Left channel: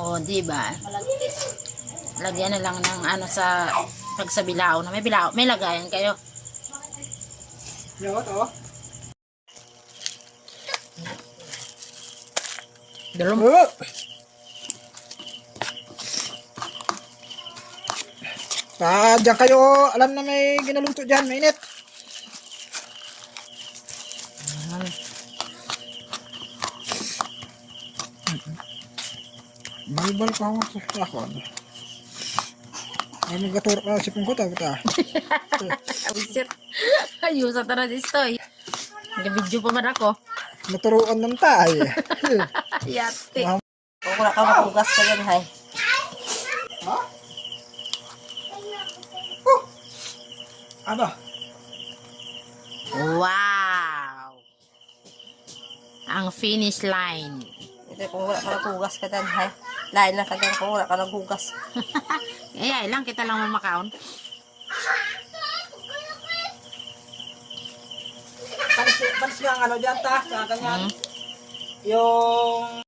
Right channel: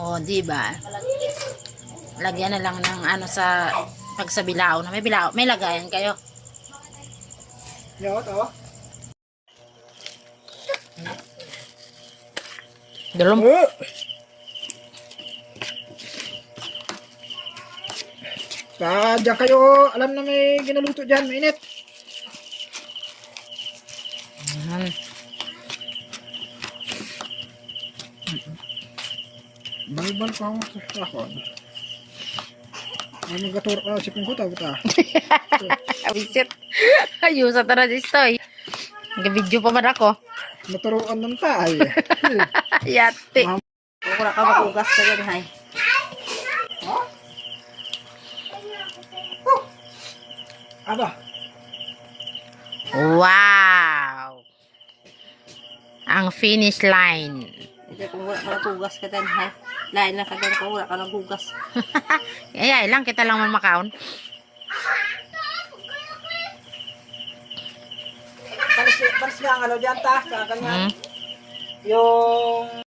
O, di ba? Lagyan na lang ng ano sa pag sa bilao na may bilao, may lagayan kayo. Yo, to. Dalom. Diyan kayo, alam na may ginaluto dyan, mainit. Balbal pa ako sa lakon. Ay, magaturok na si Pungkot, ta. Wisit. Ayusa tara distoy. Nag-video pa man ako. Naturuan ng tayo. Yate. Kung wala ka makugas ka dyan, hay. Ha? Aba. Wow! Ang finish line. Ito kung wala ka naghugas ka dyan, hay. Lain lang ka dyan kung wala ka naghugas. Ay, lang kita lang mamakaon. Panis lang ano dyan, ta. Ganyan. Yung